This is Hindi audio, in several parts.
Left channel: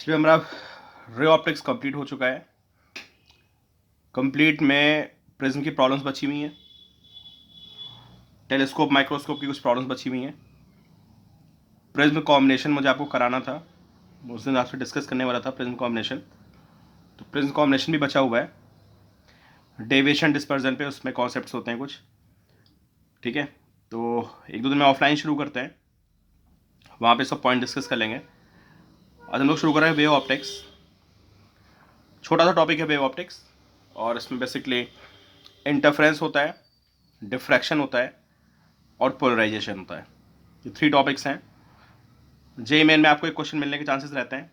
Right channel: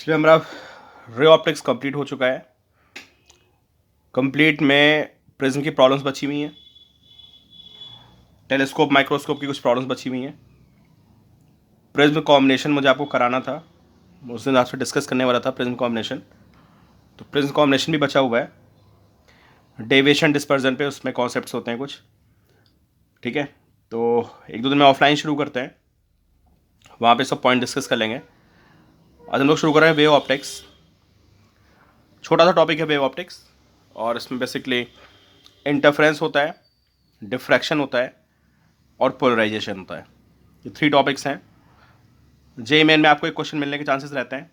इसलिए हमारा रे ऑप्टिक्स कंप्लीट हो चुका है। कंप्लीट में प्रिज्म की प्रॉब्लम्स बची हुई हैं, टेलीस्कोप माइक्रोस्कोप की कुछ प्रॉब्लम्स बची हुई हैं। प्रिज्म कॉम्बिनेशन मुझे आपको कराना था, उस दिन आपसे डिस्कस करने वाला था प्रिज्म कॉम्बिनेशन। तो प्रिज्म कॉम्बिनेशन भी बचा हुआ है। डेविएशन डिस्पर्जन पे उसमें कॉन्सेप्ट्स होते हैं कुछ, ठीक है। तो एक दो दिन में ऑफलाइन शुरू करते हैं, वहाँ पे सब पॉइंट डिस्कस कर लेंगे। आज हम लोग शुरू कर रहे हैं वेव ऑप्टिक्स। छोटा सा टॉपिक है वेव ऑप्टिक्स, और इसमें बेसिकली इंटरफ्रेंस होता है, डिफ्रैक्शन होता है और पोलराइजेशन होता है। ये 3 टॉपिक्स हैं। जे मेन में आपको एक क्वेश्चन मिलने के चांसेस रहते हैं,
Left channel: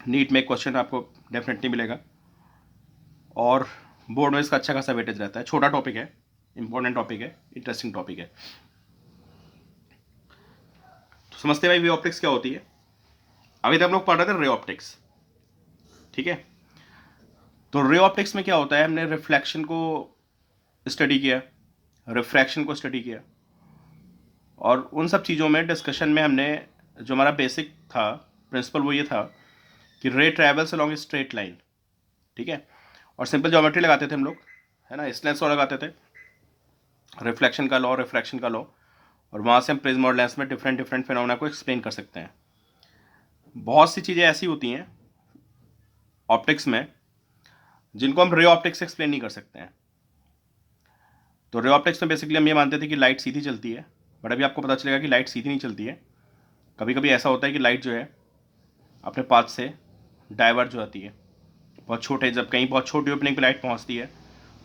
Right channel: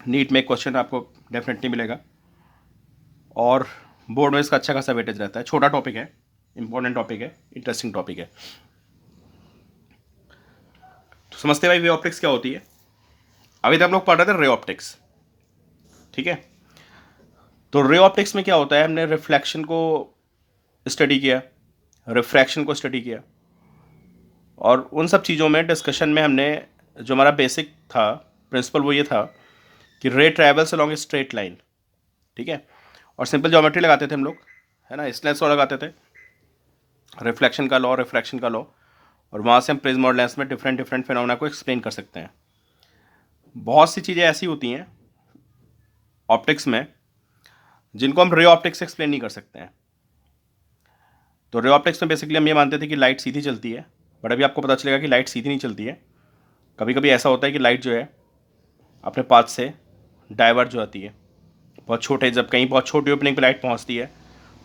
नीट में एक क्वेश्चन आपको डेफिनेटली मिलेगा, और बोर्ड में इसका अच्छा खासा वेटेज रहता है। छोटा टॉपिक है, इंपॉर्टेंट टॉपिक है, इंटरेस्टिंग टॉपिक है। तो समझते भाई वे ऑप्टिक्स क्या होती है। अभी तक हम लोग पढ़ रहे थे रे ऑप्टिक्स, ठीक है। तो रे ऑप्टिक्स में क्या होता है, हमने रिफ्लेक्शन को स्टडी किया, रिफ्रैक्शन को स्टडी किया, और उन सब चीज़ों में डिस्कशन में हमने जो हमारा बेसिक था प्रिंसिपल वो ये था कि रे travels along a straight line, ठीक है। और सिंपल ज्योमेट्री लगाते थे हम लोग, है ना, स्नेल्स लॉ लगाते थे, रिफ्लेक्शन का लॉ, रिफ्रैक्शन का लॉ, और वहाँ से हम प्रिज्म और लेंस में डिफरेंट डिफरेंट फिनोमेना को एक्सप्लेन कर सकते हैं। बहुत सी चीज़ें ऐसी होती हैं ऑप्टिक्स में जिनको हम रे ऑप्टिक्स से एक्सप्लेन नहीं कर सकते हैं। तो रे ऑप्टिक्स में बेसिकली हम ये मानते थे कि लाइट सीधी चलती है, बट अभी आपको पता चलेगा कि लाइट सीधी नहीं चलती है। कभी कभी ऐसा होता है कि लाइट जो है अपने पाथ से डाइवर्ज हो जाती है। बहुत छोटे, जब कहीं बहुत छोटी ओपनिंग पे लाइट पहुंचती है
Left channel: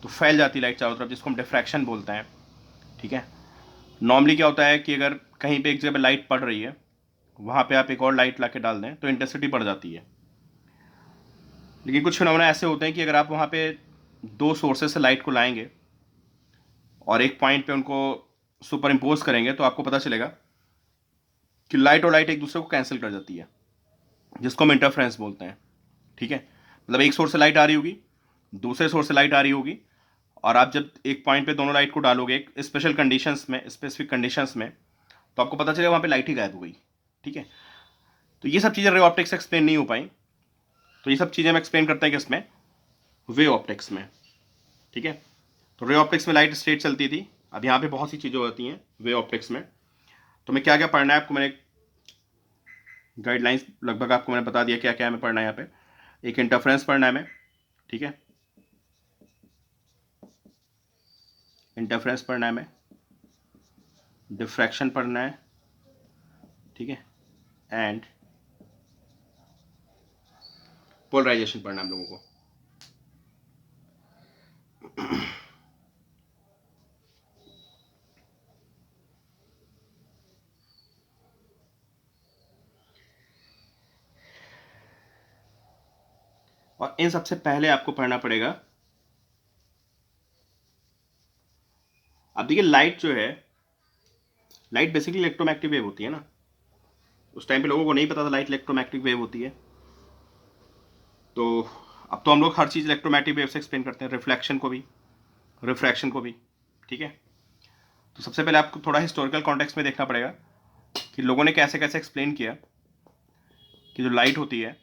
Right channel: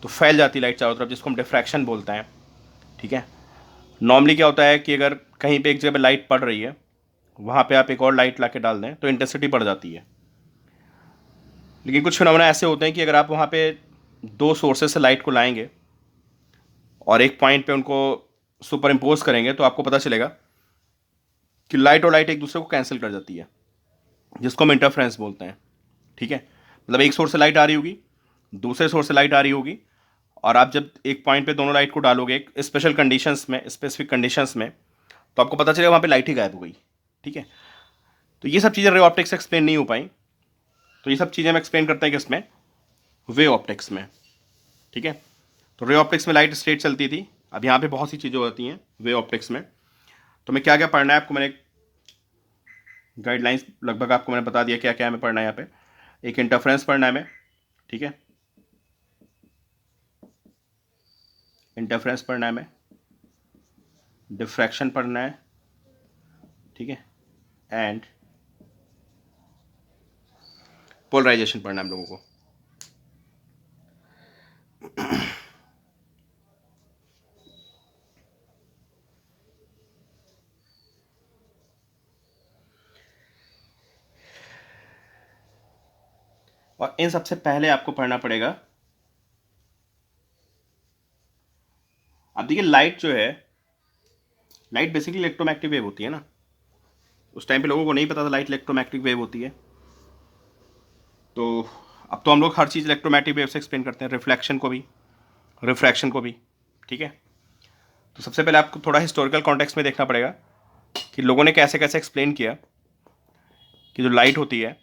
तो फैल जाती है लाइट चारों तरफ, जिसको हम डिफ्रैक्शन बोलते हैं, ठीक है। नॉर्मली क्या होता है कि अगर कहीं पे एक जगह पे लाइट पड़ रही है, वहाँ पे आप एक और लाइट ला के डाल दें तो इंटेंसिटी बढ़ जाती है। लेकिन कुछ फिनोमेना ऐसे होते हैं कि अगर आप वहाँ पे 2 सोर्सेज से लाइट को लाएंगे और एक पॉइंट पे उनको सुपर इम्पोज करेंगे तो आपको पता चलेगा कि लाइट और लाइट एक दूसरे को कैंसिल कर जाती है, जिसको हम इंटरफ्रेंस बोलते हैं, ठीक है। मतलब एक सोर्स से लाइट आ रही होगी, दूसरे सोर्स से लाइट आ रही होगी, और आप जब एक पॉइंट पे दोनों लाइट को डालोगे एक स्पेशल कंडीशंस में, स्पेसिफिक कंडीशंस में, तो आपको पता चलेगा वहाँ पे लाइट ही गायब हो गई, ठीक है। तो ये सब चीज़ें रे ऑप्टिक्स से एक्सप्लेन नहीं हो पाई, तो ये सब चीज़ें हम एक्सप्लेन करते हैं किसमें, वे ऑप्टिक्स में, ठीक है। तो रे ऑप्टिक्स में लाइट स्ट्रेट चलती थी, अब यहाँ पे बहुत सी चीज़ें होती हैं वे ऑप्टिक्स में। तो मैं क्या क्या पढ़ना है आपको, मैंने गाइडलाइंस लगभग आपको मैंने बता दिया क्या क्या हमें पढ़ना है यहाँ पे। एक इंटरफ्रेंस पढ़ना है हमें, ठीक है, इंटरफ्रेंस पढ़ना है हमें, डिफ्रैक्शन पढ़ना है, ठीक है, एंड पोलराइजेशन पढ़ना है हम लोगों को। और इन सबसे पहले आपको पढ़ना पड़ेगा, अब देखिए लाइट जो है, लाइट बेसिकली इलेक्ट्रोमैग्नेटिक वेव होती है ना। उस टाइम पे लोगों को नहीं पता था लाइट इलेक्ट्रोमैग्नेटिक वेव होती है। तो अब तो हम लोग हर चीज़ इलेक्ट्रोमैग्नेटिक वेव से एक्सप्लेन करते हैं, रिफ्लेक्शन को भी, रिफ्रैक्शन को भी, ठीक है। तो सबसे पहले आपको थोड़ा हिस्टोरिकल कॉन्टेक्स्ट में देखना पड़ेगा कि लोगों ने कैसे कैसे एक्सप्लेन किया कि जो लाइट होती है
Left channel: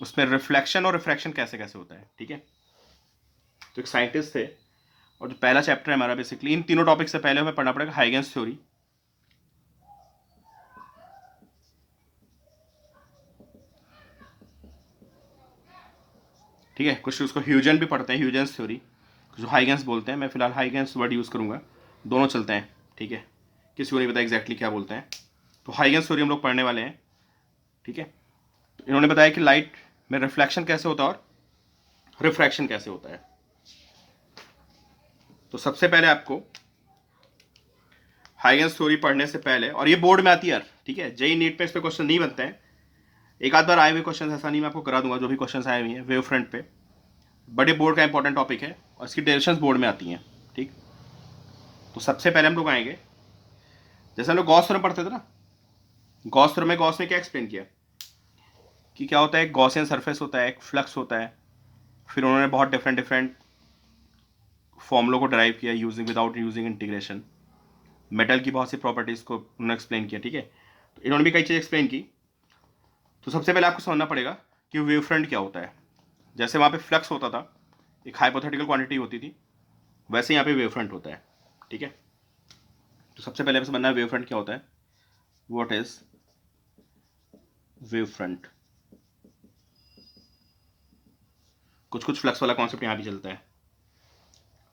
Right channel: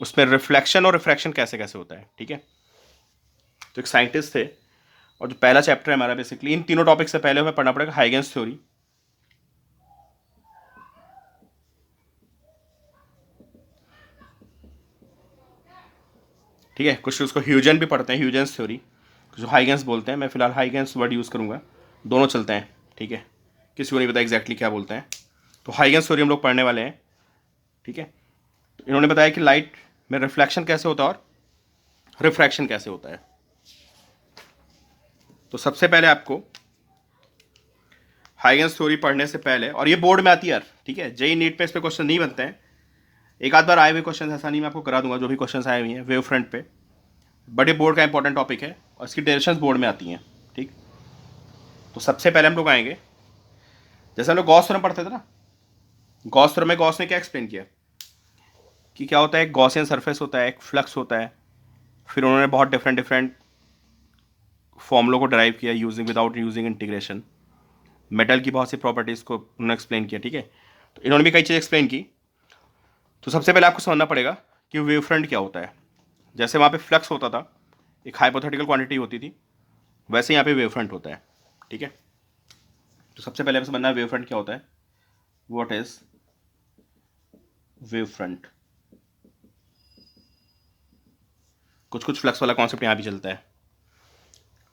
उसमें रिफ्लेक्शन और रिफ्रैक्शन कैसे कैसे होता है, ठीक है। तो एक साइंटिस्ट थे, और जो पहला चैप्टर है हमारा बेसिकली इन तीनों टॉपिक से पहले हमें पढ़ना पड़ेगा हाइगेंस थ्योरी, ठीक है। कुछ उसको ह्यूजन भी पढ़ते हैं, ह्यूजेंस थ्योरी, जो हाइगेंस बोलते हैं। मैं फिलहाल हाइगेंस वर्ड यूज़ करूँगा, दोनों चलते हैं, ठीक है, किसी को नहीं पता एग्जैक्टली क्या बोलते हैं। तो हाइगेंस थ्योरी हम लोग पढ़ने वाले हैं, ठीक है। तो इन्होंने बताया कि लाइट में रिफ्लेक्शन कैसे होता है और रिफ्रैक्शन कैसे होता है। तो सबसे पहले आपको हाइगेंस थ्योरी पढ़ने से पहले, और ये बोर्ड में आती है यार, ठीक है, जेई नीट पे इस पे क्वेश्चन नहीं बनते हैं, एक आध बार आए हुए क्वेश्चन, ऐसा नहीं, मैं आपको करा दूंगा जो भी क्वेश्चन आए हुए हैं वेव फ्रंट पे, बट ये बोर्ड का इंपॉर्टेंट टॉपिक है और इसकी डायरेक्शंस बोर्ड में आती हैं, ठीक। तो सबसे पहले हम लोग आएंगे, जैसे हम लोग गॉस थ्योरम पढ़ते थे ना, गॉस थ्योरम में गॉस ने क्या एक्सप्लेन किया कि क्या होता है, एक गॉसियन सरफेस होता है, एक फ्लक्स होता है। फिर उन्होंने बहुत डिफरेंट डिफरेंट फॉर्मूलों को ड्राइव किया using without using integration, metal की बहुत सी प्रॉपर्टीज़ को उन्होंने एक्सप्लेन किया, ठीक है। तो इन्होंने भी कई चीज़ एक्सप्लेन की। तो सबसे पहले आपको समझना पड़ेगा कि वेव फ्रंट क्या होता है। जैसे वहाँ पे फ्लक्स होता था, एक हाइपोथेटिकल क्वांटिटी होती थी, वैसे यहाँ पे वेव फ्रंट होता है। ठीक है, तो सबसे पहले हमें समझना है वेव फ्रंट क्या होता है। What is wave front. कुछ कुछ फ्लक्स वाला कॉन्सेप्ट यहाँ भी चलता है।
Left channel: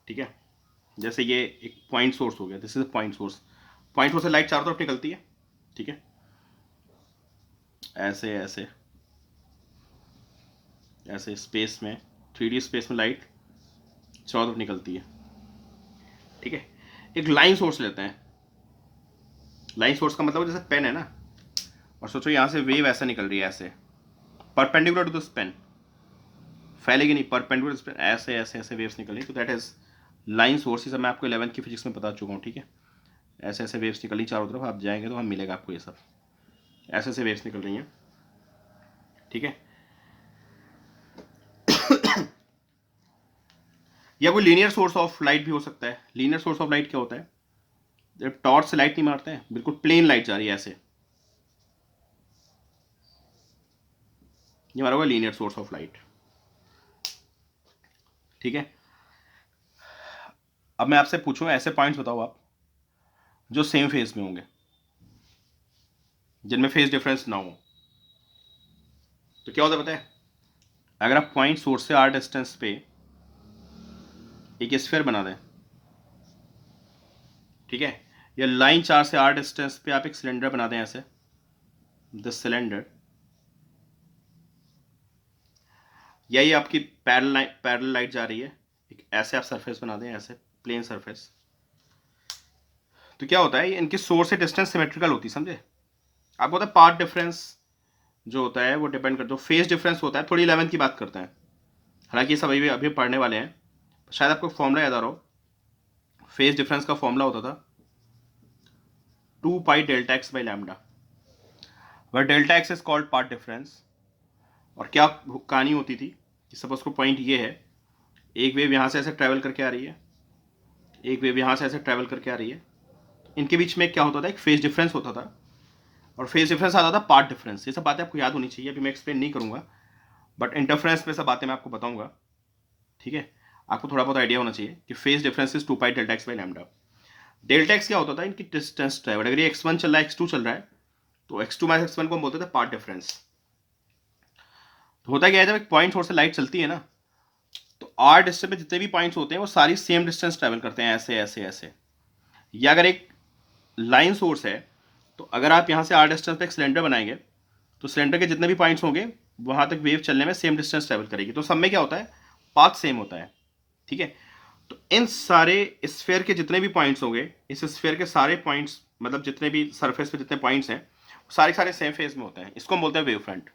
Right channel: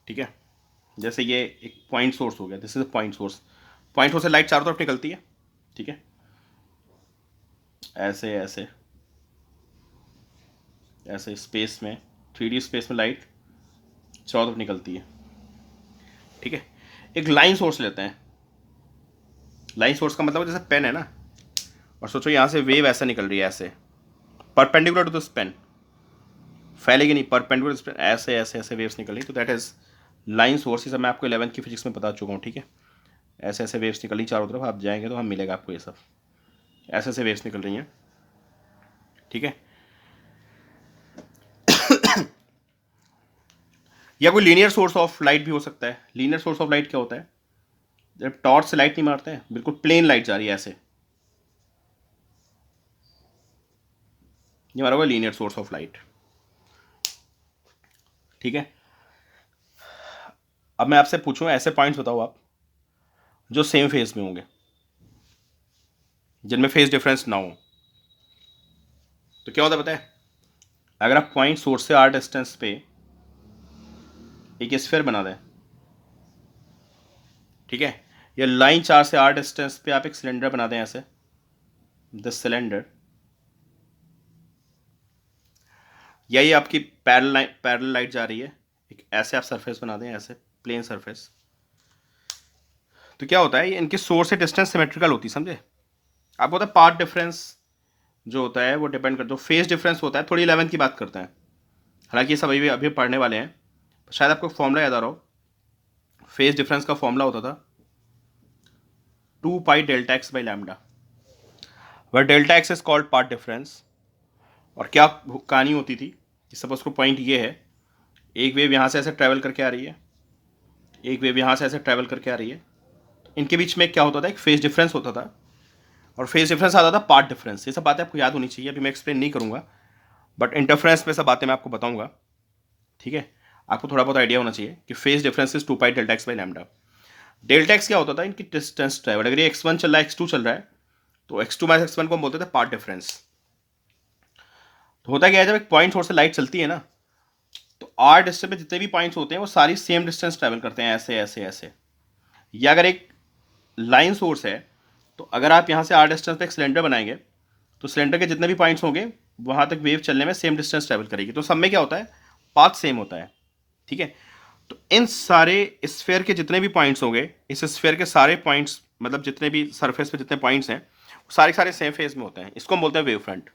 ठीक है, जैसे ये एक पॉइंट सोर्स हो गया, this is point source. Point source से लाइट चारों तरफ निकलती है। ठीक है, ऐसे ऐसे ऐसे स्पेस में, 3D स्पेस में लाइट चारों तरफ निकलती है। ठीक है, एक लाइन सोर्स लेते हैं। लाइन सोर्स का मतलब जैसे पेन है ना, और सोचो यहाँ से वेव ऐसे निकल रही है, ऐसे परपेंडिकुलर टू दिस पेन, फैलेगी नहीं, परपेंडिकुलर ऐसे ऐसे ऐसे वेव्स निकल रही, तो दैट इज लाइन सोर्स। ये सब मैं आपको 11th की फिजिक्स में बता चुका हूँ। ठीक है, ऐसे ऐसे वेव्स निकल रही चारों तरफ, आप जाएंगे तो हम मिलेगा आपको ये सब, ऐसे ऐसे वेव्स निकल रही हैं। ठीक है, या कोई लीनियर सोर्स ऑफ लाइट भी हो सकता है। लीनियर सोर्स ऑफ लाइट क्या होता है, जब टॉर्च से लाइट नहीं मारते हैं, बिल्कुल प्लेन लाइट जा रही है ऐसे, ये हमारा होगा लीनियर सोर्स ऑफ लाइट। ठीक है, अब मैं आपसे पूछूं, ऐसे पॉइंट्स बताओ आप जो सेम फेज में होंगे, जिनमें फेज डिफरेंस ना हो। तो क्या होता है पता है, अगर आप पॉइंट सोर्स से आर डिस्टेंस पे एक स्फीयर बना दें, ठीक है, या लाइन चार से आर डिस्टेंस पे आप एक सिलेंडर बना दें ऐसे, दिस सिलेंडर, या ये आपकी पैरेलल लाइट जा रही है, एक ऐसे आप सरफेस बना दें, ऐसे प्लेन सरफेस, तो क्या होता है, ये इनकी सोर्स से डिस्टेंस सिमेट्रिकल होती है, समझे। आप बोलते हैं पाथ डिफरेंस जो होता है वो डिपेंड करता है, फेज डिफरेंस होता है, थोड़ी 11th की बात करते हैं, हालांकि ये सब अभी अभी पढ़ने वाले हैं। शायद आपको फॉर्मूला याद आ रहा हो, फेज डिफरेंस का फॉर्मूला होता था 2 pi delta x by lambda, वह delta x is called path difference. और क्या कहानी होती थी कि सपोज को पॉइंट ये है, एक वेव यहाँ से ऐसे ट्रैवल करके आ रही है, एक वेव यहाँ से ऐसे ट्रैवल करके आ रही है, इनके बीच में क्या होता था, एक फेज डिफरेंस होता था, और फेज डिफरेंस आता था पाथ डिफरेंस। ये सब बातें आपको याद होनी चाहिए, अभी मैं एक्सप्लेन नहीं करूँगा, बट इंटरफ्रेंस में सब बातें मैं आपको बताऊँगा। ठीक है, आपको थोड़ा बहुत आइडिया होना चाहिए कि phase difference is 2 pi delta x by lambda. Delta x क्या होता था, इनकी डिस्टेंस ट्रैवल, अगर ये x1 चल रहा है, x2 चल रहा है, तो x2 माइनस x1 को हम बोलते थे पाथ डिफरेंस। तो होता क्या है, जब एक पॉइंट सोर्स से लाइट चलती है ना, तो आर डिस्टेंस में जितने भी पॉइंट्स होते हैं वो सारी सेम डिस्टेंस ट्रैवल करते हैं, ऐसे ऐसे ऐसे। या अगर एक लाइन सोर्स है, तो अगर आप यहाँ से आर डिस्टेंस पे एक सिलेंडर बनाएंगे, तो सिलेंडर के जितने भी पॉइंट्स होंगे वहाँ तक वेव चलने में सेम डिस्टेंस ट्रैवल करेगी, तो सब में क्या होता है, पाथ सेम होता है। ठीक है, तो इन सारे स्फेयर के जितने भी पॉइंट्स होंगे, इस स्फेयर के सारे पॉइंट्स, मतलब जितने भी सरफेस पे जितने पॉइंट्स हैं, सारे सारे सेम फेज में होते हैं, इसको हम बोलते हैं वेव फ्रंट।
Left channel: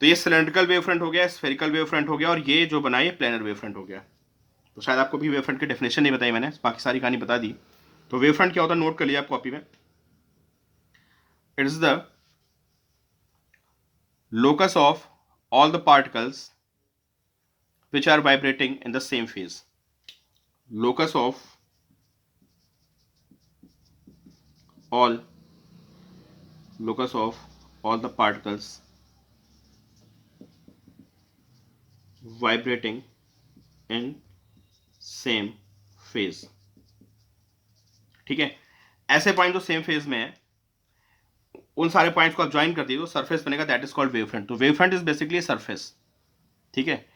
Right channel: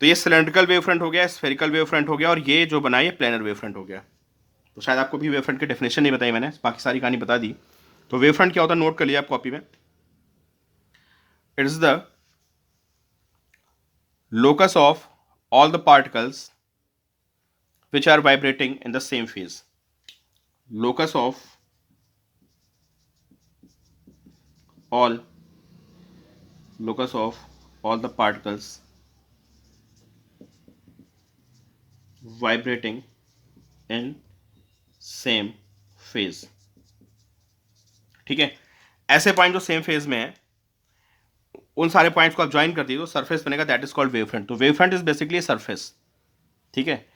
तो ये सिलेंड्रिकल वेव फ्रंट हो गया, स्फेरिकल वेव फ्रंट हो गया, और ये जो बना है प्लेनर वेव फ्रंट हो गया। तो शायद आपको भी वेव फ्रंट की डेफिनेशन नहीं बताई मैंने, बाकी सारी कहानी बता दी। तो वेव फ्रंट क्या होता है, नोट कर लिया आप कॉपी में। It is the locus of all the particles which are vibrating in the same phase. Locus of all locus of all the particles vibrating in same phase. ठीक है, ऐसे पॉइंट जो सेम फेज में है, उन सारे पॉइंट्स को आप ज्वाइन कर दिए तो सरफेस बनेगा, that is called wave front. तो wave front is basically surface. ठीक है,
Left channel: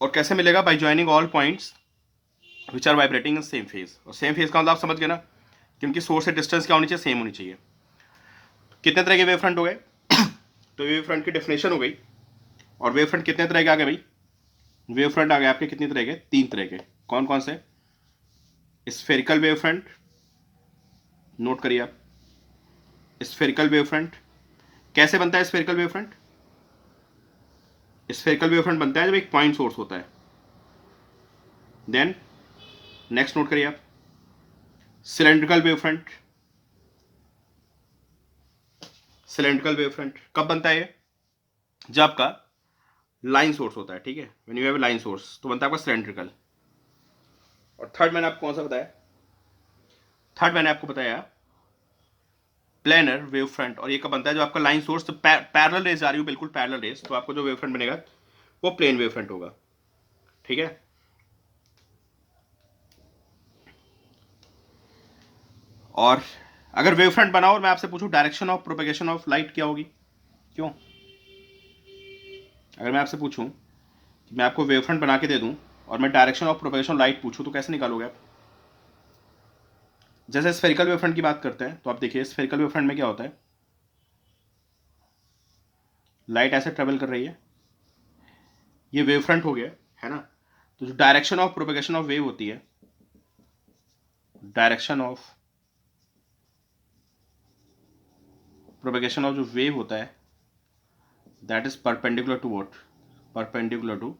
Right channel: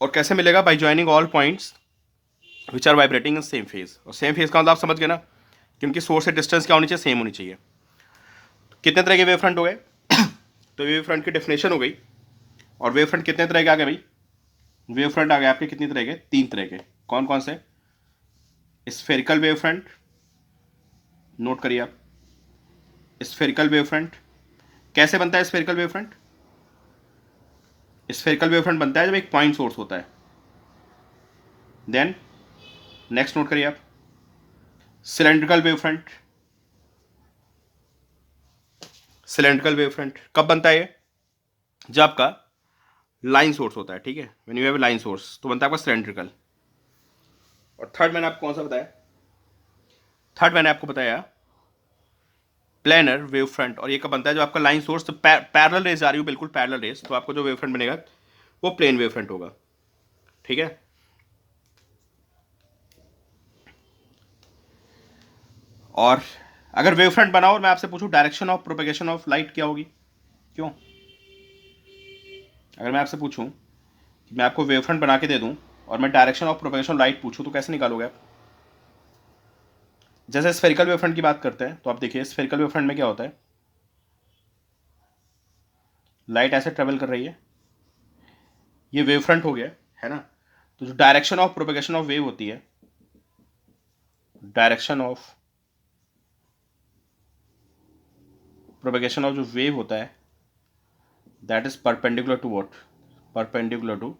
और कैसे मिलेगा, by joining all points which are vibrating in same phase. और सेम फेज का मतलब आप समझ गए ना कि उनकी सोर्स से डिस्टेंस क्या होनी चाहिए, सेम होनी चाहिए। कितने तरह के वेव फ्रंट हो गए तो वेव फ्रंट की डेफिनेशन हो गई। और वेव फ्रंट कितने तरह के आ गए भाई, वेव फ्रंट आ गए आपके कितनी तरह के, 3 तरह के। कौन कौन से, स्फेरिकल वेव फ्रंट, नोट करिए आप, स्फेरिकल वेव फ्रंट। कैसे बनता है spherical wave front, spherical wave front बनता है जब एक पॉइंट सोर्स होता है। देन नेक्स्ट नोट करिए आप, cylindrical wave front. Cylindrical wave front कब बनता है ये, जब आपका लाइन सोर्स होता है। ठीक है, when you have line source तो बनता है आपका सिलेंड्रिकल। और थर्ड मैंने आपको कौन सा बताया, थर्ड मैंने आपको बताया प्लेनर वेव फ्रंट, और ये कब बनता है, जो आपका लाइन सोर्स तो पैरेलल रेस आ रही हो, बिल्कुल पैरेलल रेस, तो आपको जो वेव फ्रंट बनेगा वो प्लेन वेव फ्रंट होगा। ठीक है, और अगर वेव फ्रंट बनाओ और मैं आपसे पूछूं direction of propagation of light क्या होगी, क्यों? अगर मैं आपसे पूछूं कि मैं आपको वेव फ्रंट बना के दे दूं और मैं direction of propagation of light पूछूं तो कैसे निकालोगे आप? जैसे स्फेरिकल वेव फ्रंट की बात करते हैं तो आप देखिए स्फेरिकल वेव फ्रंट में क्या होता है, लाइट ऐसे ट्रेवल कर रही है, ये वेव फ्रंट हो गया, है ना? तो जो direction of propagation of wave होती है, डायरेक्शन ऑफ प्रोपेगेशन ऑफ जो वेव होता है, that is perpendicular to what, perpendicular to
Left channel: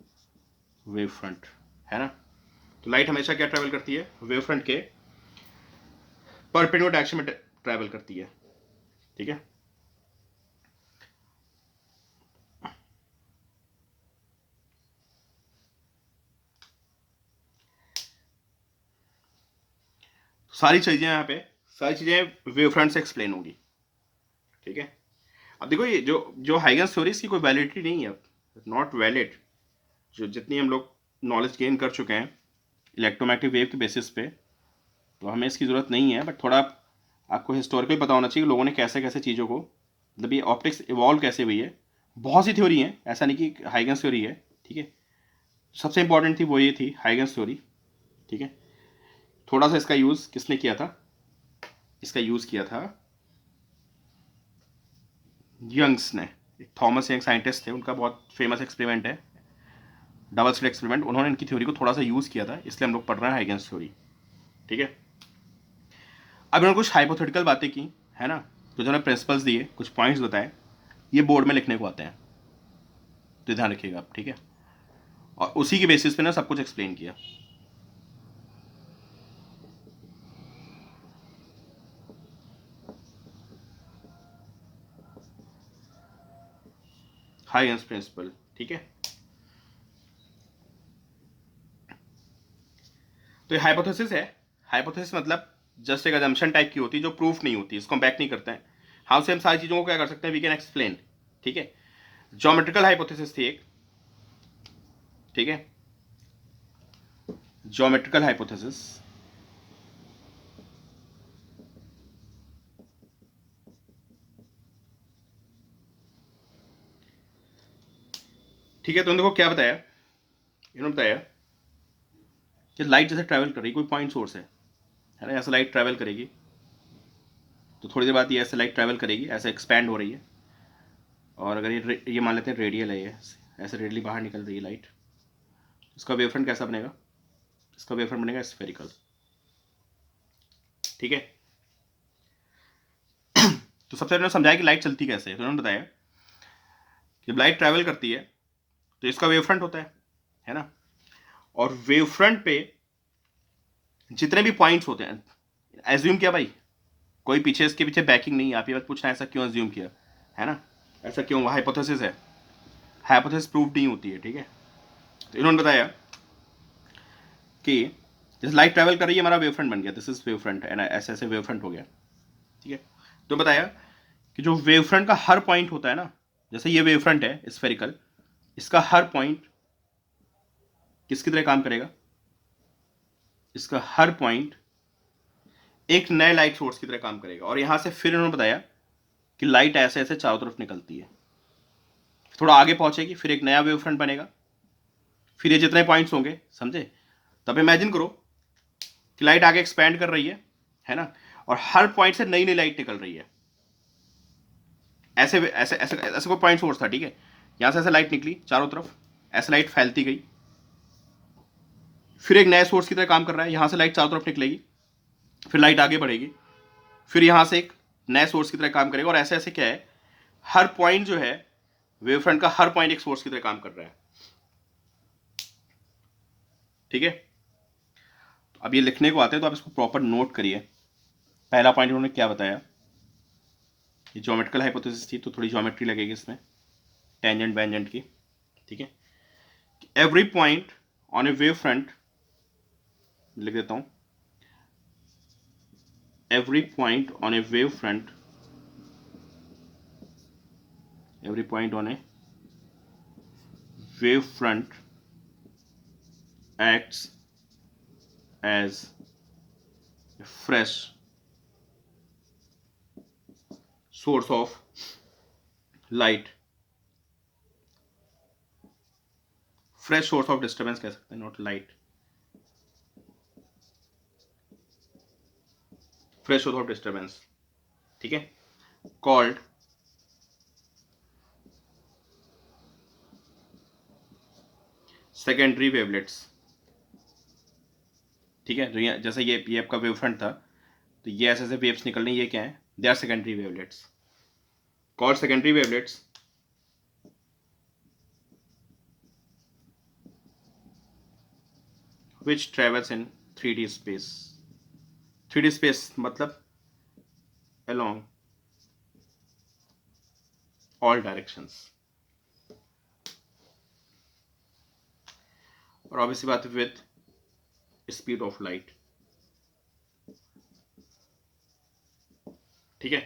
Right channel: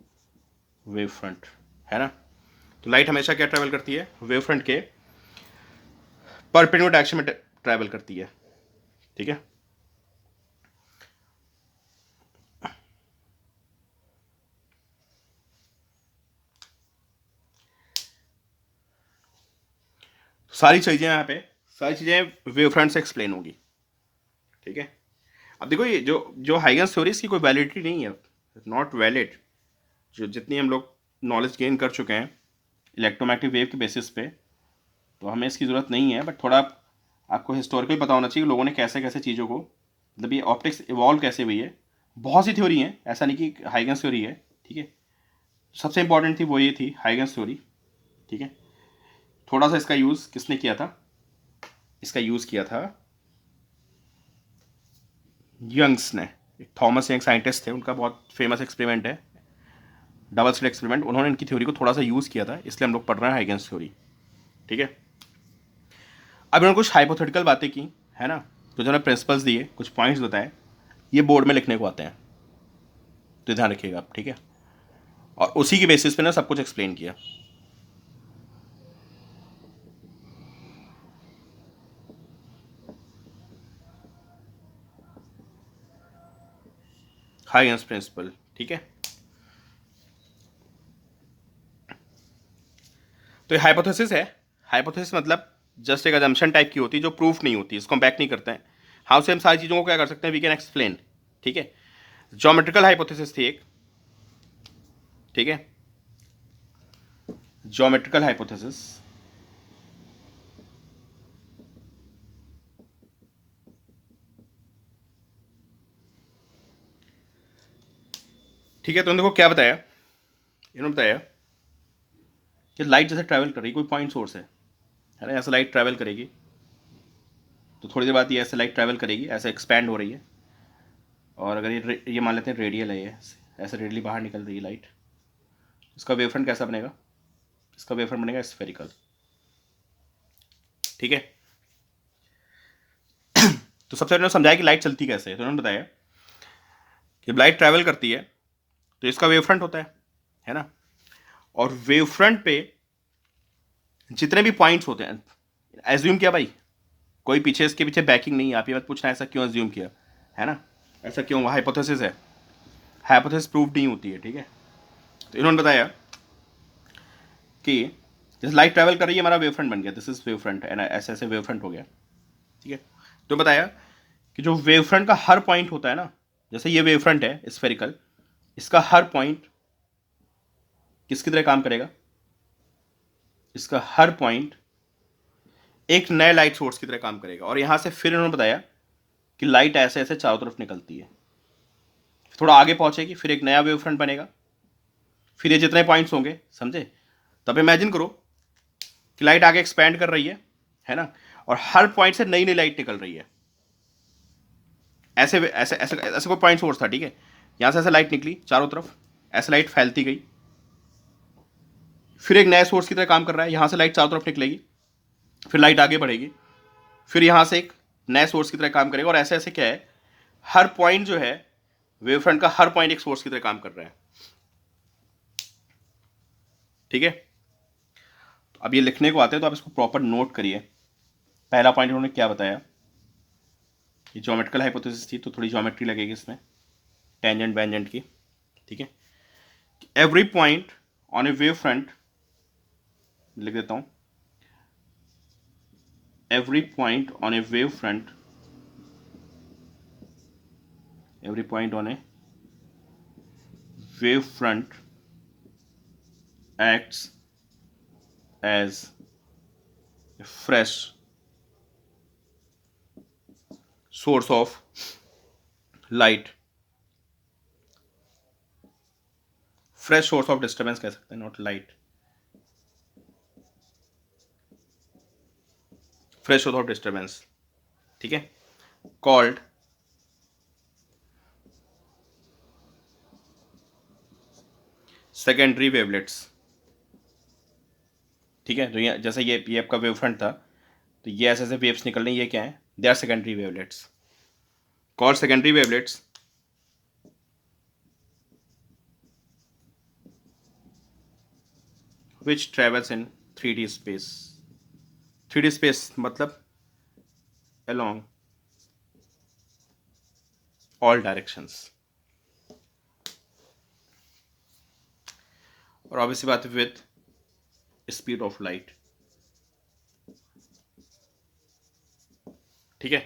wave front, है ना? तो लाइट हमेशा क्या ट्रेवल करती है, वेव फ्रंट के परपेंडिकुलर डायरेक्शन में ट्रेवल करती है। ठीक है, सारी चीजें यहाँ पे, सारी चीजें वेव फ्रंट से एक्सप्लेन होगी। ठीक है, अब देखो ये जो जो हाइगन्स थ्योरी की कोई वैलिडिटी नहीं है, नॉट वैलिड। जो जितनी हम लोग नॉलेज गेन कर चुके हैं इलेक्ट्रोमैग्नेटिक वेव के बेसिस पे, तो हमें इसकी ज़रूरत नहीं है, बट थोड़ा आपको हिस्टोरिकल पता होना चाहिए कि लोगों ने कैसे कैसे चीज़ों को, मतलब ये ऑप्टिक्स इवॉल्व कैसे हुई है। बहुत सी थ्योरी हैं, ऐसा नहीं कि हाइगन्स थ्योरी है। ठीक है, सबसे इंपॉर्टेंट थी वो ये थी हाइगन्स थ्योरी। ठीक है, थोड़ा सा इसका यूज़ किसने किया था, इसका यूज़ किया था यंग्स ने। थॉमस यंग साइंटिस्ट थे, उनका बहुत फेमस एक्सपेरिमेंट है डबल स्लिट एक्सपेरिमेंट, उन्होंने इनकी थ्योरी को थोड़ा सा यूज़ किया था, इसलिए हम लोग पढ़ रहे हैं हाइगन्स थ्योरी। ठीक है, अब इन्होंने कुछ हाइपोथेटिकल बातें की, है ना, तो जो प्रिंसिपल्स दिए, कुछ पॉइंट्स बताए, ये बोर्ड में लिखने को आते हैं, तो ध्यान रखिएगा आप। ठीक है, और उसी के बेसिस पे ना सब कुछ एक्सप्लेन किया। Huygens principle. ठीक है, तो ये हाइपोथेसिस है। हाइपोथेसिस मतलब जस्ट एक अजम्पशन टाइप की होती है जो प्रूफ नहीं होती, इसको हम बैक नहीं करते हैं। हाँ, से हम सारी चीज़ों को क्या कर सकते हैं, वी कैन एक्सप्लेन। ठीक है, ज्योमेट्रिकल हाइपोथेसिस थी एक। ठीक है, ज्योमेट्रिकल हाइपोथेसिस, ठीक है, तो देखो क्या बताया, इन्होंने बताया कि लाइट जैसे ट्रैवल कर रही है, कोई पॉइंट सोर्स है ना, ऐसे लाइट ट्रैवल करेगी, तो थोड़ी देर बाद ये ऐसे लाइट ट्रैवल करेगी, ऐसे एक्सपैंड हो रही है, और अगर ये मान लेते हैं रेडियल है, ये ऐसे रेडियली बाहर निकल रही है लाइट, इसका वेवफ्रंट कैसा बनेगा, इसका वेवफ्रंट बनेगा स्फेरिकल। ठीक है, तो सबसे पहले समझाया कि लाइट चलती कैसे है, तो उन्होंने बताया कि लाइट ट्रैवल करती है तो इसका वेवफ्रंट होता है ना, और वेवफ्रंट पे जितने भी पॉइंट्स होते हैं, एज्यूम किया भाई, कोई पीछे इसके पीछे बैकिंग नहीं है, आप ये मत पूछना ऐसा क्यों एज्यूम किया, है ना, ऐसा क्यों, हाइपोथेसिस है, हाइपोथेसिस प्रूव नहीं होती है। ठीक है, तो इन्होंने बताया कि जैसे लाइट ट्रैवल कर रही है, हमारा वेव फ्रंट बन गया, दिस इज वेव फ्रंट, ऐसे ऐसे वेव फ्रंट हो गया। ठीक है, तो बताया कि जो वेव फ्रंट का हर पॉइंट होता है ना, जैसे ये वेव फ्रंट है स्फेरिकल, इसका हर पॉइंट किसकी तरह काम करेगा, इसका हर पॉइंट एक नए लाइट सोर्स की तरह काम करेगा, और यहां से फिर इन्होंने बताया कि लाइट ऐसे ऐसे चारों तरफ निकलती है, थोड़ा आगे पहुंचेगी, फिर एक नया वेव फ्रंट बनेगा, फिर ये जितने पॉइंट्स होंगे, समझे? तब इमेजिन करो कि लाइट आगे एक्सपैंड कर रही है ना, और हर पॉइंट से नई नई लाइट निकल रही है, ऐसे ऐसे ऐसे ऐसे कोई पॉइंट सोर्स था। ठीक है, यहां से ऐसे लाइट निकली चारों तरफ, ऐसे लाइट फैलती गई, फिर एक नए सोर्स की तरह काम कर रहा है, यहां से लाइट चारों तरफ निकलेगी, फिर लाइट आगे बढ़ेगी, फिर यहां से एक नए सोर्स की तरह काम करेगा, और ऐसे ऐसे क्या है, हर पॉइंट जो है वेव फ्रंट का हर पॉइंट एक सोर्स की तरह काम कर रहा है। ठीक है, तो अब ये लिखने को आते हैं, तो आप इसको प्रॉपर नोट करिए। पहला पॉइंट उन्होंने क्या बताया, ये ज्योमेट्रिकल हाइपोथेसिस थी, तो थोड़ी ज्योमेट्री लगेगी इसमें, टेंजेंट बेंजेंट की। ठीक है, every point on A wave front, लिख देता हूं, every point on a wave front every point on a wave front acts as a fresh source of light, fresh source of disturbance कह सकते हैं, not light, fresh source of disturbance, ठीक है, कॉल्ड सेकेंडरी वेवलेट्स, ठीक है। तो ये जैसे ये आपका वेव फ्रंट था, तो ये ऐसे ऐसे वेव्स निकल रही, ये क्या है, they are secondary wavelets, called secondary wavelets, which travels in 3D space, 3D space मतलब along all directions, और ऑब्वियसली बात है विथ स्पीड ऑफ लाइट, ठीक है।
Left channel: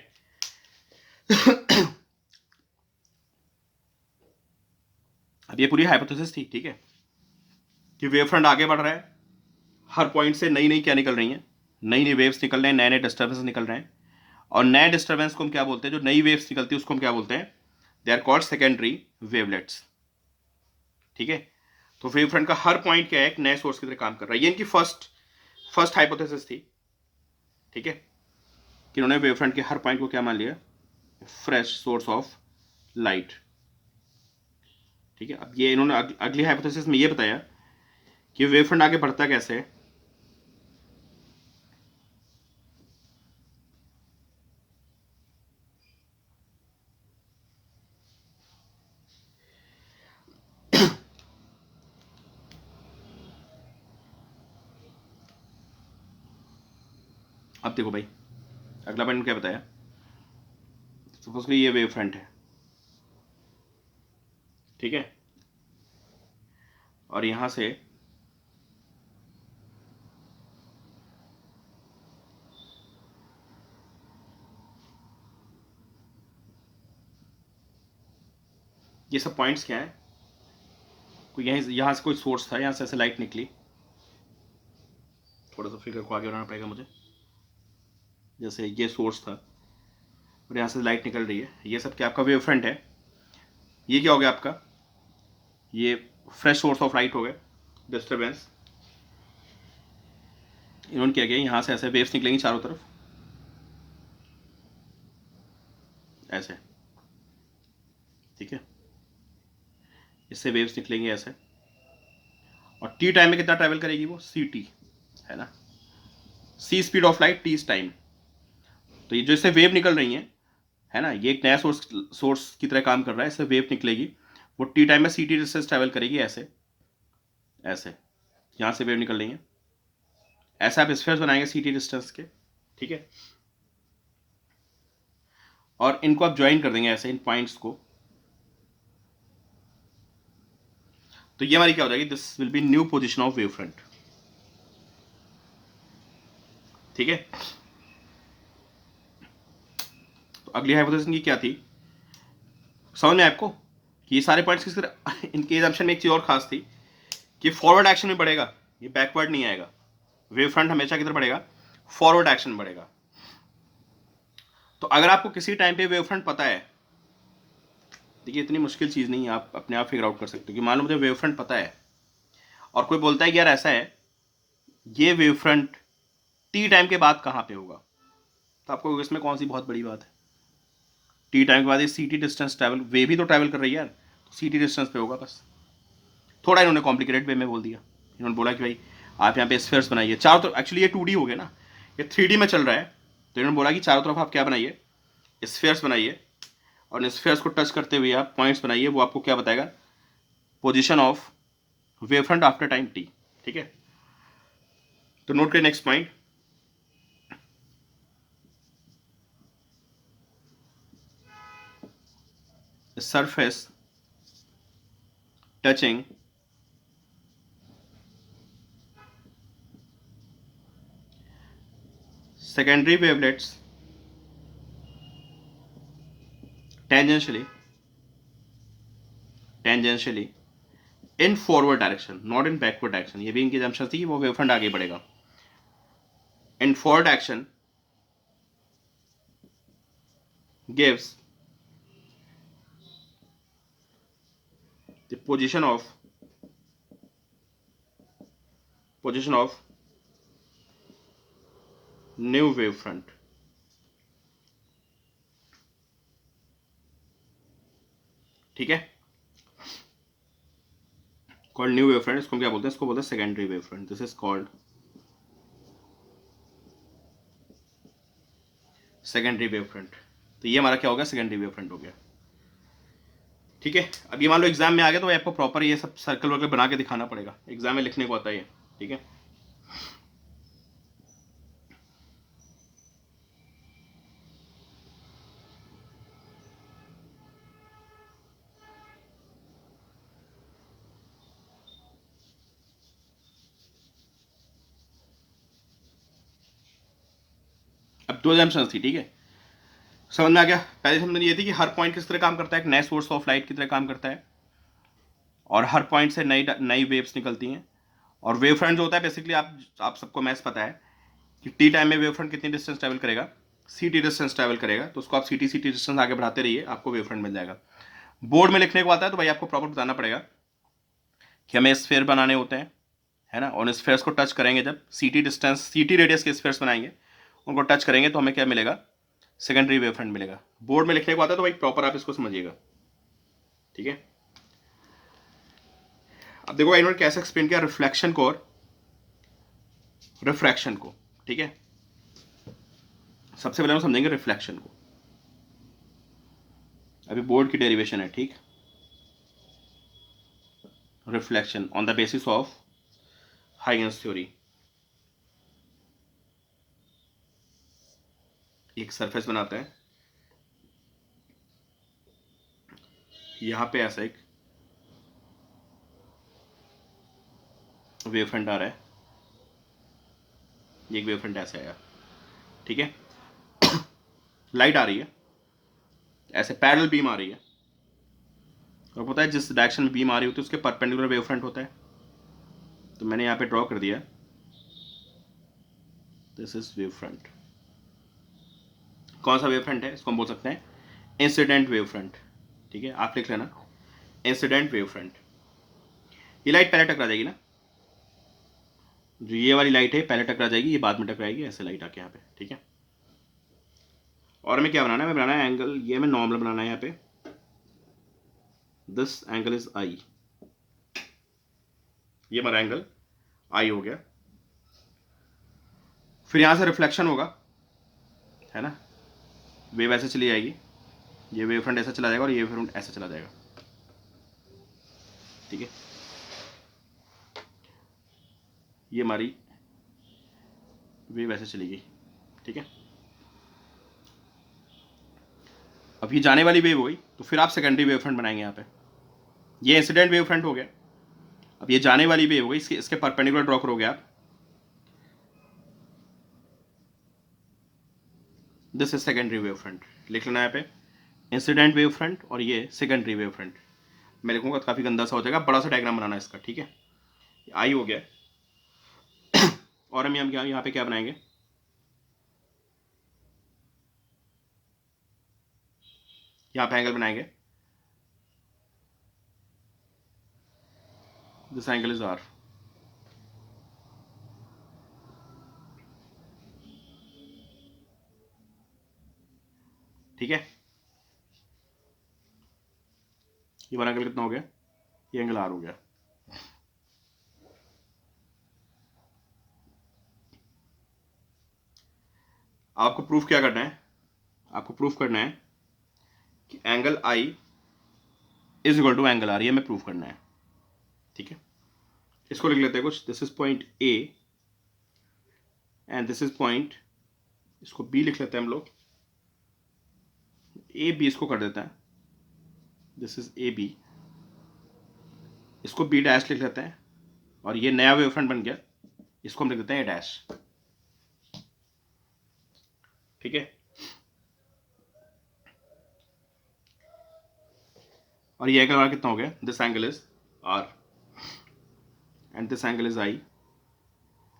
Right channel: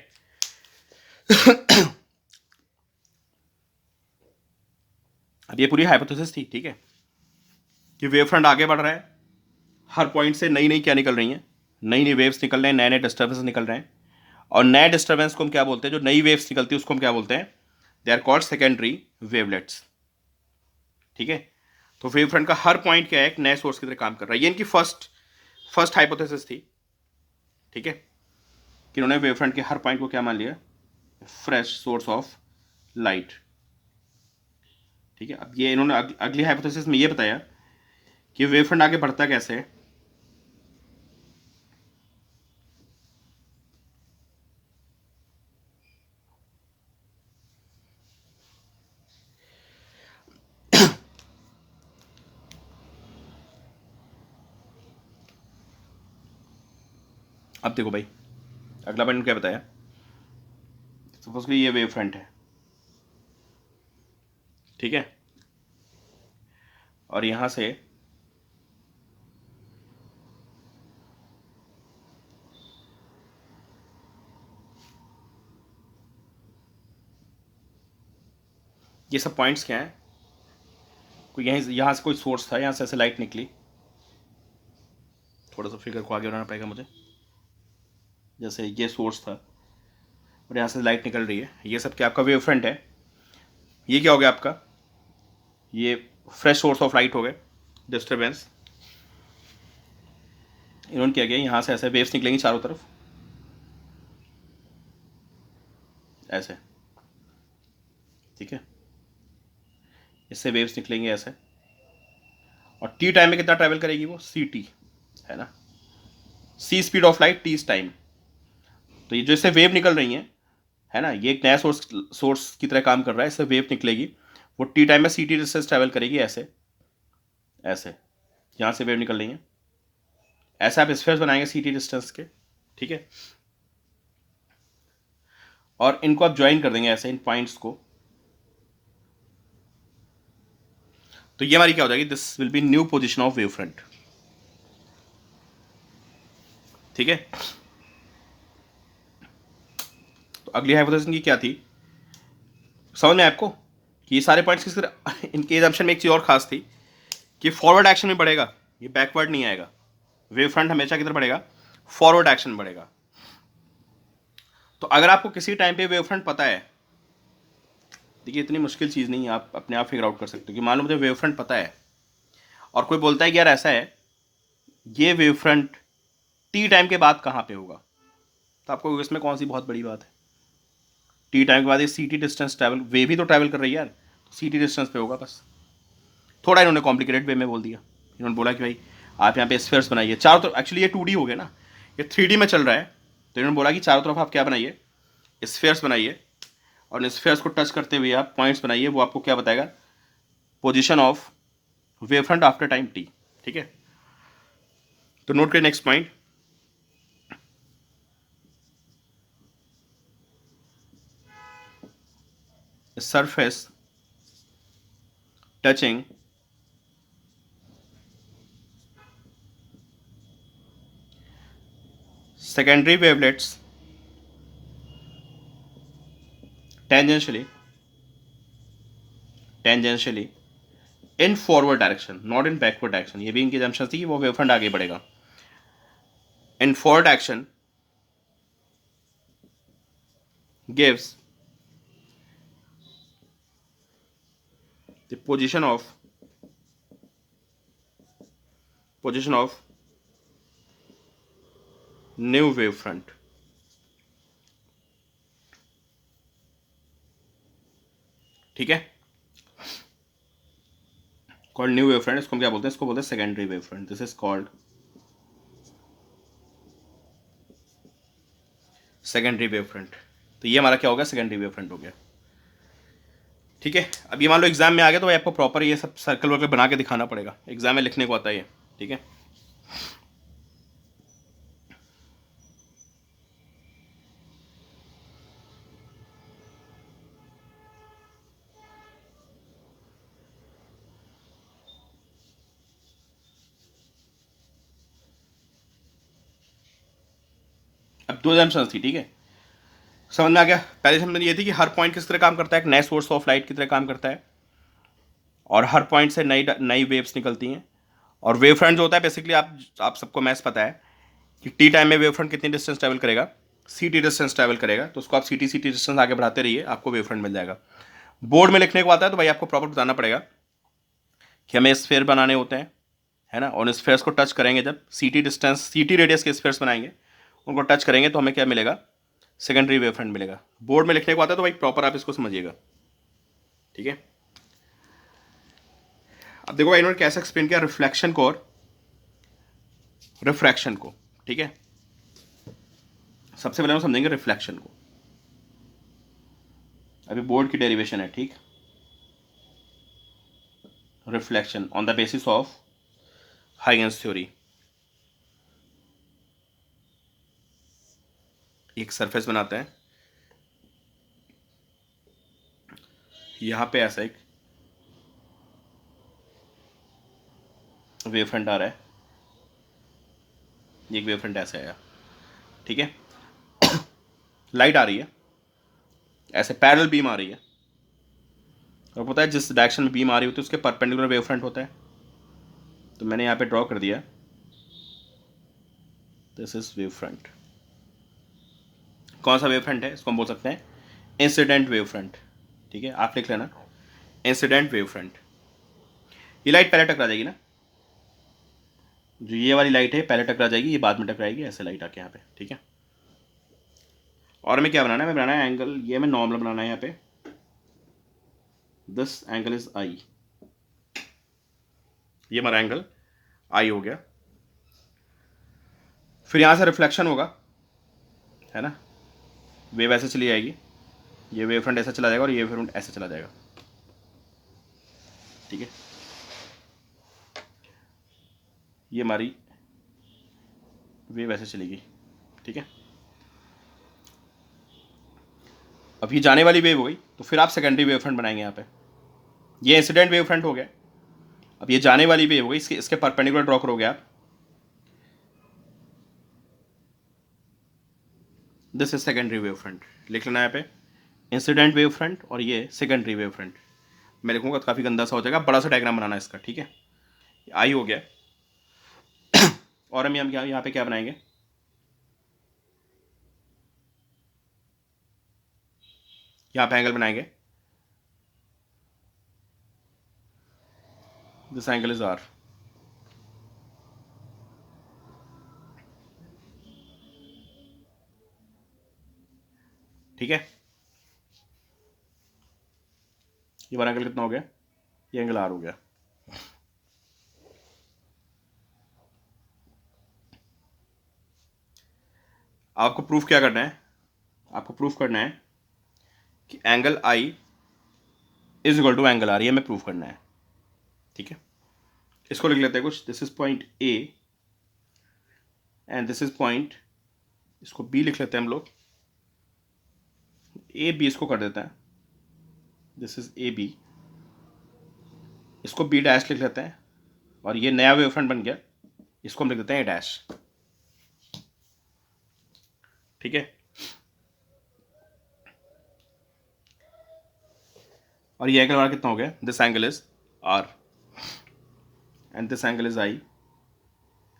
अब ये पूरी हाइपोथेसिस थी, ठीक है, कि वेव फ्रंट आगे बढ़ रहा है, हर पॉइंट से नई नई क्या निकल रही हैं, नई नई वेव्स निकल रहे हैं, नए नए डिस्टर्बेंस निकल रहे हैं, और नए डिस्टर्बेंस को हम क्या बोलते हैं, जो नई वेव्स निकलती है उसको हम क्या बोलते हैं, they are called secondary wavelets, ठीक है। तो वेव फ्रंट का हर पॉइंट क्या है, एक नए सोर्स की तरह काम कर रहा है। ये इनकी फर्स्ट हाइपोथेसिस थी, ठीक है, कि इन्होंने वेव फ्रंट के हर पॉइंट को क्या मान लिया, फ्रेश सोर्स ऑफ लाइट, ठीक है। अब ये इन्होंने अगली हाइपोथेसिस में ये बताया कि वेव फ्रंट आगे बढ़ता कैसे है, अब देखो भाई, अगला पॉइंट क्या बताया, सपोजली ये वेव फ्रंट है, ठीक है, और यहां से ये सब पॉइंट्स क्या है, कोई यहां से कोई सोर्स था, यहां से ऐसे लाइट निकली, थोड़ा सा फिगर को आगे बनाना पड़ेगा मुझे, जैसे ये सोर्स था और यहाँ से लाइट निकल रही है, ये सब क्या आपका वेव फ्रंट है, ये क्या हो गया आपका, ये फ्रेश सोर्स ऑफ लाइट हो गए, डिस्टर्बेंस, इन्होंने क्या किया, यहाँ से ऐसे वेव्स निकलेंगी चारों तरफ, ऐसे, ठीक है, इससे वेव्स निकलेंगे ऐसे, और टी टाइम में कितना ट्रैवल करेगी वो, सी टी, है ना, C speed of light, T time. तो ये जो इससे वेव निकल रही हैं, है ना, ये एक नया सोर्स की तरह काम कर रहा है, इससे वेव निकलेगी, वो टी टाइम में सी टी डिस्टेंस ट्रैवल करेगी, ऐसे ऐसे, यहाँ से वेव निकल रही है, ऐसे आप स्फीयर्स बनाएंगे सी टी डिस्टेंस के, ठीक है, और इनको आप ज्वाइन कर देंगे ऐसे इन पॉइंट्स को, तो ये हमारी क्या हो जाएगी, this will be new position of wave front, ठीक है। तो अगली हाइपोथेसिस की क्या थी, समझ में आपको, कि ये सारे पॉइंट्स किस तरह, इनके एजम्पशन में एक चीज और खास थी कि फॉरवर्ड एक्शन में बढ़ेगा, ये बैकवर्ड नहीं आएगा, वेव फ्रंट हमेशा किधर बढ़ेगा, फॉरवर्ड एक्शन में बढ़ेगा। तो अगर आपको किसी टाइम पे वेव फ्रंट पता है, देखिए इतनी मुश्किल चीज़ नहीं है, आप अपने आप फिगर आउट कर सकते हो, कि मान लो मुझे वेव फ्रंट पता है और कोई बोलता है कि यार ऐसा है, ये वेव फ्रंट टी टाइम के बाद कहाँ पे होगा, तो आपको इसमें कौन सी बहुत बड़ी बात है, टी टाइम के बाद ये सी टी डिस्टेंस ट्रैवल, वे भी तो ट्रैवल कर रही है यार, तो सी टी डिस्टेंस पे होगा बस। थोड़ा इन्होंने कॉम्प्लिकेटेड वे में बोल दिया, इन्होंने बोला कि भाई आप यहाँ पे स्फीयर्स बनाइए चारों तरफ, एक्चुअली ये 2D हो गया ना, ये 3D में चल रहा है, तो इन्होंने बोला कि चारों तरफ आप क्या बनाइए, स्फीयर्स बनाइए, और स्फीयर्स को टच करते हुए आप पॉइंट्स बनाइए, वो आपको क्या बताएगा, position of wave front after time T, ठीक है। तो नोट करिए next point, surface touching secondary wavelets tangentially tangentially in forward direction, not in backward direction. ये भी इनकी जम्पशन थी कि वो वेव फ्रंट आगे बढ़ेगा। In forward direction gives the position of new wave front। ठीक है, कॉल्ड न्यू वेव फ्रंट। इसको हम क्या बोलते हैं? इसको बोलते हैं secondary wave front. This is called secondary wave front. तो ये हमारा क्या हो गया? सेकेंडरी वेव फ्रंट हो गया। ठीक है, अब ये मान लो एग्जाम में आ गया तो आपको प्रॉपर ये सब सर्कल वर्कल बना के दिखाना पड़ेगा, एग्जाम में लिखने को आता है ये। ठीक है, अब दो एग्जाम्पल्स थी। ठीक है, समझ में आ गया? पहले समझ में ये थी कि हर पॉइंट किस तरह काम करता है, एक नए सोर्स ऑफ लाइट की तरह काम करता है, और हर पॉइंट से नई नई वेव्स निकलती हैं। और वेव फ्रंट जो होता है बेसिकली आप सबको मैथ्स पता है कि टी टाइम में वेव फ्रंट कितनी डिस्टेंस ट्रैवल करेगा? सी टी डिस्टेंस ट्रैवल करेगा। तो उसको आप सी टी डिस्टेंस आगे बढ़ाते रहिए, आपको वेव फ्रंट मिल जाएगा। बोर्ड में लिखने को आता है तो भाई आपको प्रॉपर बताना पड़ेगा कि हमें स्फेयर बनाने होते हैं, है ना, और स्फेयर्स को टच करेंगे जब सी टी रेडियस के स्फेयर्स बनाएंगे, उनको टच करेंगे तो हमें क्या मिलेगा? सेकेंडरी वेव फ्रंट मिलेगा। बोर्ड में लिखने को आता है तो भाई प्रॉपर आप इसको समझिएगा। ठीक है, अब देखो इन्होंने कैसे एक्सप्लेन किया रिफ्लेक्शन को और रिफ्रैक्शन को। ठीक है, सबसे पहले हम समझेंगे रिफ्लेक्शन को। अभी बोर्ड की डेरिवेशन है। ठीक, reflection on the basis of Huygens theory. एक सरफेस बनाते हैं, यहां पे ऐसा एक वेव फ्रंट आ रहा है, एक वेव फ्रंट ऐसे आया। ठीक है, लाइट आ रही है, ऐसे पैरेलल बीम आ रही है, और पता है जिस डायरेक्शन में बीम आ रही होती है उसके परपेंडिकुलर वेव फ्रंट होता है। तो मैंने यहाँ पे ड्रॉ कर दिया, दिस इज वेव फ्रंट। कौन सा वेव फ्रंट है? इसको हम बोल सकते हैं इंसिडेंट वेव फ्रंट। ठीक है, आप लिख लेना इंसिडेंट वेव फ्रंट। ये लाइट पहले टकरा जाएगी ना, जो ये वाली लाइट है पहले टकरा जाएगी, ये बाद में टकराएगी, ऐसे लाइट आके यहाँ पे। ठीक है, और हमें क्या बनाना है? हमें बनाना है एंगल, ये हमें नॉर्मल बनाना है यहाँ पे। दिस एंगल इज आई, ये हमारा एंगल आई हो गया। फिर यहाँ से रिफ्लेक्शन होगा, है ना, वेव ऐसे चली जाएगी, ये वेव फ्रंट ऐसा चला जाएगा और ये वेव फ्रंट ऐसे चला जाएगा। ठीक है, ये हमारी वेव ऐसे चली गई। ठीक है, अब ये जाने वाली वेव हो गई, तो फिर आप सेकेंडरी वेव फ्रंट बनाएंगे यहाँ पे। ये इंसिडेंट वेव फ्रंट हो गया। अब ये जाने वाली वेव हो गई, इसके परपेंडिकुलर ड्रॉ करोगे आप, this is secondary wave front. लिख लेना यहाँ पे इंसिडेंट वेव फ्रंट और ये सेकेंडरी वेव फ्रंट। मैं लिखूंगा तो काफ़ी गंदा सा हो जाएगा, बड़ा सा डायग्राम बनाना है इसका। ठीक है, आई हो गया, और हम यहाँ पे क्या बनाएंगे? यहाँ पे एंगल बनाएंगे, दिस एंगल इज आर। ठीक है, ये वाला एंगल कितना हो गया? ये एंगल आर हो गया। आपको प्रूफ क्या करना है? आपको प्रूफ करना है कि angle I is equal to angle R, ये हमें प्रूफ करना है। ठीक है, इसको लिख लेते हैं कुछ, this is point A and this is point, इसको बी लिख लेते हैं हम लोग, ए बी इसको कर देते हैं, दिस इज ए बी, इसको बी डैश लिख लेते हैं, और ये नया वेव फ्रंट बन गया, इसको हम लिख देते हैं ए डैश। ठीक है, और ये एंगल हमारा कितना हो गया, this angle is R and this angle is I.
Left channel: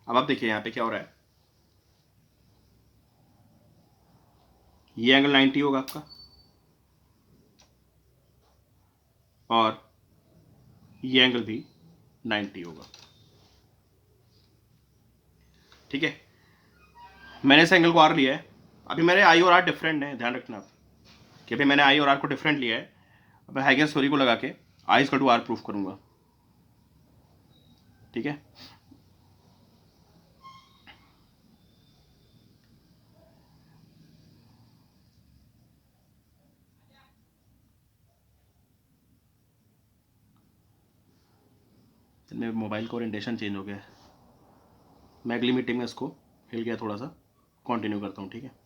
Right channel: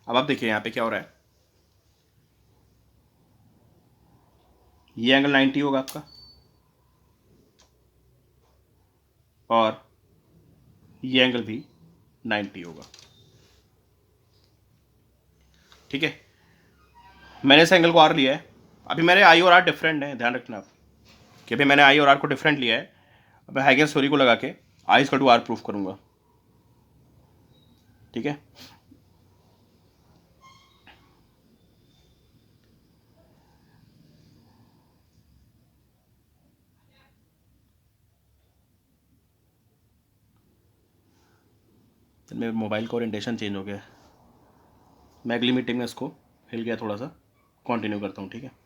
अब आप देखिए यहाँ पे क्या हो रहा है, ये एंगल 90 होगा आपका और ये एंगल भी 90 होगा। ठीक है, मैंने इस एंगल को आर लिया है। अभी मेरे आई और आर डिफरेंट है, ध्यान रखना आप कि अभी मैंने आई और आर को डिफरेंट लिया है। अब मैं हाइगेन्स थ्योरी को लगा के I equal to are proof करूंगा। ठीक है, तो मेरे मोबाइल का ओरिएंटेशन चेंज हो गया है। मैं अगली मीटिंग में इसको हिल गया थोड़ा सा, कंटिन्यू करता हूँ। ठीक है।